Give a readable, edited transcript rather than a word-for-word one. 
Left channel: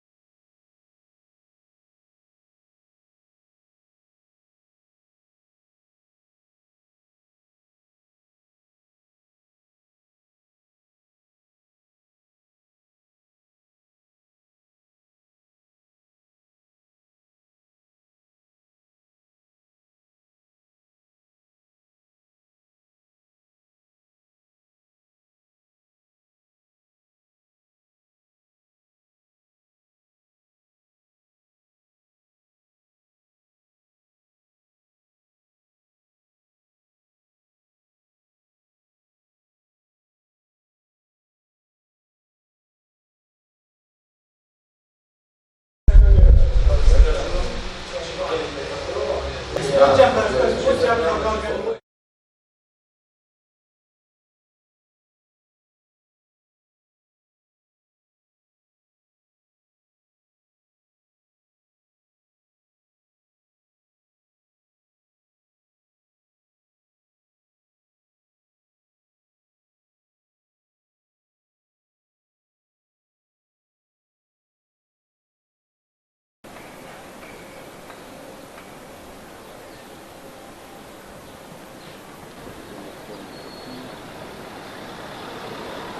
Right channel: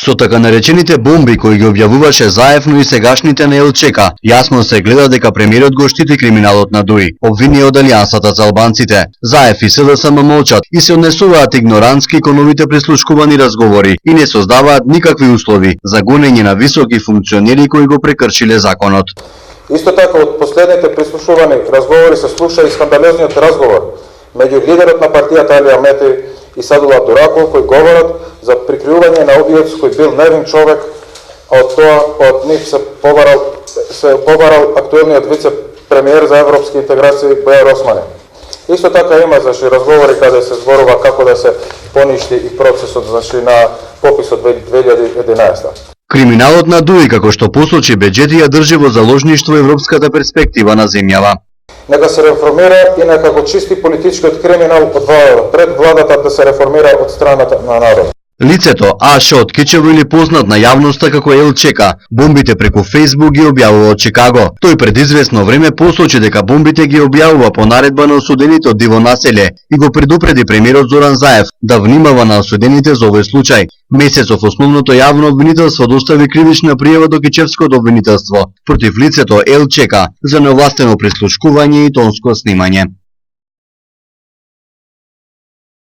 Со така наречените бомби кои ги објавуваше Заев, но и сегашните на ЛЧК, јасно се гледа дека премиерот го штити криминалот на ДУИ, обвини од Алијансата за албанците. Заев и СДСМ молчат и се однесуваат игнорантски кон овите прислушкувани разговори и не создаваат никакви услови за гонење на високи функционери кои го прекршиле законот. Исто така, од последните прислушувани разговори се слуша и скандалозниот разговор меѓу лидерот на партијата Али Ахмети и Садула Абдураков, кои говорат за прикривање на убиец кој бил невин човек, а од тоа од нив се побарал актуелниот вице-премиер за европски интеграции Бојар Османи. Исто така има разговори каде се зборува како да се поништи и процесот на пописот 2011. Криминалот на ДУИ, како што посочи Беџети, ја држи во заложништво европската перспектива на земјава. Нека се реформира и нека го чисти политичкиот криминал од владата, пред владата да се реформира од страната на народот. Лицето Аш од Кичево или познат на јавноста како ЛЧК, бомбите преку Фејсбук ги објавува од Чикаго. Тој пред известно време посочи дека бомбите ги објавува по наредба на осудените од диво населје и го предупреди премиерот Зоран Заев да внимава на осудените за овој случај. Месецов основното јавно обвинителство достави кривична пријава до Кичевското обвинителство против лицето ЛЧК за неовластено прислушкување и тонско снимање.